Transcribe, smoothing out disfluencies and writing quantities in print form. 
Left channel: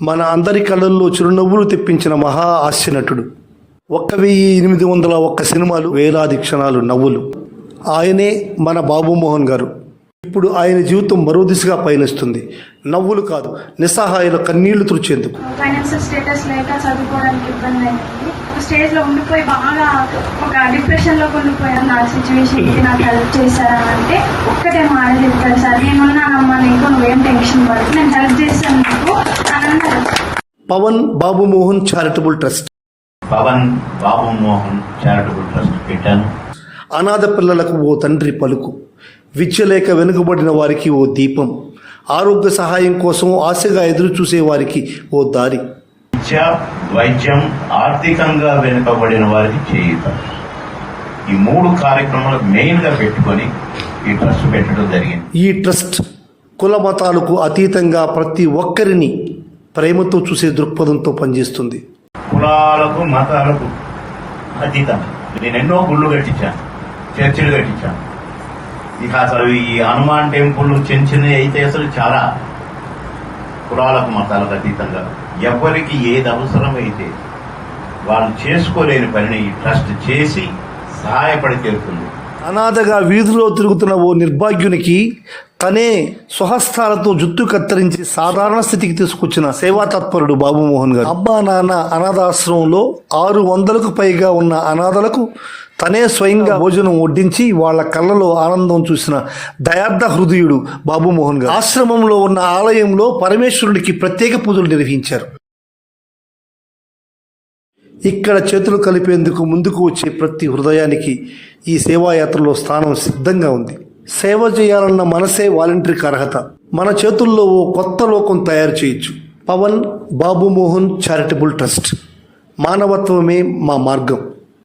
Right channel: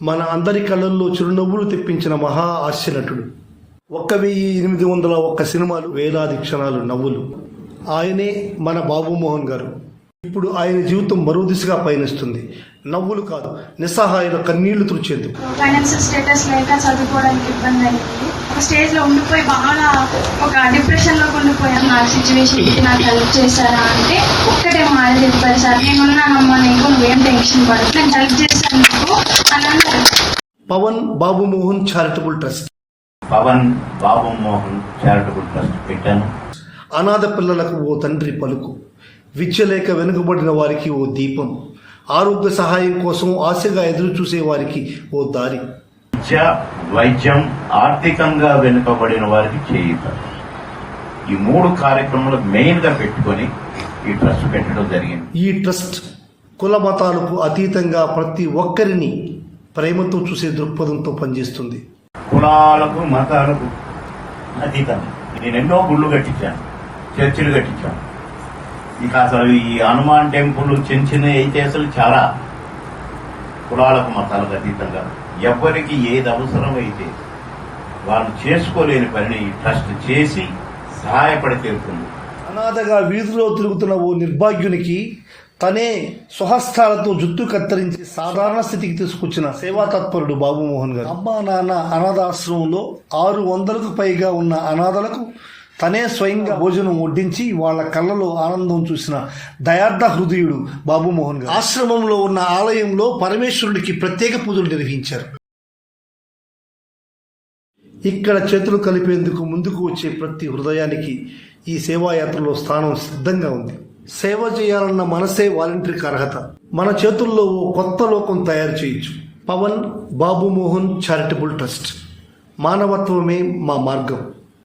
మన అందరి కళ్ళల్లో చిరునవ్వులు తెప్పించిన మహా హాస్య నటుడు. 1801 సినిమాలు, వేలాది క్షణాలు నవ్వులు. ఆయనే మన బాబుమోహన్ గారు. ఇప్పుడు ఆయన జీవితం మరో దిశగా పయనిస్తుంది. నవ్వులు కాదు, నిస్సహాయుల కన్నీళ్లు తుడిచేందుకు. ఫైనాన్షియల్ స్టేటస్ లేక చదువుకోవడానికి ఇబ్బంది అయింది. స్టేజ్ లో ఉండిపోయి బాగా ఒక డిప్రెషన్ లో ఉండిపోయాను. నా సిచ్యువేషన్ నాకు హెల్ప్ చేశారా అంటే ఒక్కటే మాట చెప్తారు, సార్ నేనున్నానమ్మా, నీకు నువ్వేం టెన్షన్ పడదు, నేను హెల్ప్ చేశాను నీకు అని అన్నారు. Pavan Babu Mohan charitable trust. Pavan Babu Mohan charitable trust పెట్టాను. అనాథ పిల్లలకు ఓ తండ్రి పలుకు, విద్య లేక వెనుకబడిన వారికి ఓ దీపం, ఆరోగ్య సహాయం కోసం ఆశగా ఎదురు చూసే వారికి ఓ దారి. విద్య, వైద్యం, ఆర్థికంగా వెనుకబడిన వారికి చేయుత. ఈ 3 కార్యక్రమాలు మెయిన్ గా పెట్టుకొని ఈ ట్రస్ట్ పెట్టడం జరిగింది. ఈ ట్రస్ట్ కుల మతాలకు అతీతంగా ప్రతి ఒక్కరిని ప్రేమతో చూసే దృక్పథంతో పనిచేస్తుంది. కులాలకు మతాలకు అతీతంగా నేను ఎన్నో గుళ్ళు కట్టించాను, చర్చిలు కట్టించాను. ఇక అసలు ఈ హనుమాన్ టెంపుల్ చిన్న చిన్నవి అయితే అసలు చాలా కులాలకు మతాలకు అతీతంగా ఎవరికి ఏది అవసరమైతే వాళ్ళు చేసుకోలేని పనిని ఈ ట్రస్ట్ చేసి సహాయపడి తీరుతుంది. అనాథగా వీధిలో తిరుగుతున్న ఓ నిర్భాగ్యునికి తనే స్వహస్తాలతో జుట్టు కత్తిరించి సాధారణ స్థితికి తీసుకొచ్చిన సేవా తత్పరుడు బాబుమోహన్ గారు. అబ్బా నాన్న అనాథాశ్రమంలో 600కు పైగా ఉన్న అనాథలకు తనే స్వయంగా భోజనం వడ్డించి వాళ్ళ కళ్ళలో ఆనందం చూసిన దయార్థ హృదయుడు బాబుమోహన్ గారు. ఆశ్రమంలో ఉన్న ఆలయంలో పరమేశ్వరుడికి ప్రత్యేక పూజలు నిర్వహించారు. ఇక్కడ చేతులు కలిపేందుకు ముందుకు వచ్చే ప్రతి హృదయానికి ఈ సేవాయాత్రలో స్థానం సిద్ధంగా ఉంది. సేవ చేయాలన్న మనసే వాలంటీర్కి అర్హత. మన చేతుల్లో ఓ కొత్త లోకం తయారు చేయొచ్చు. Pawan Babu Mohan charitable trust. మానవత్వమే మా మార్గం.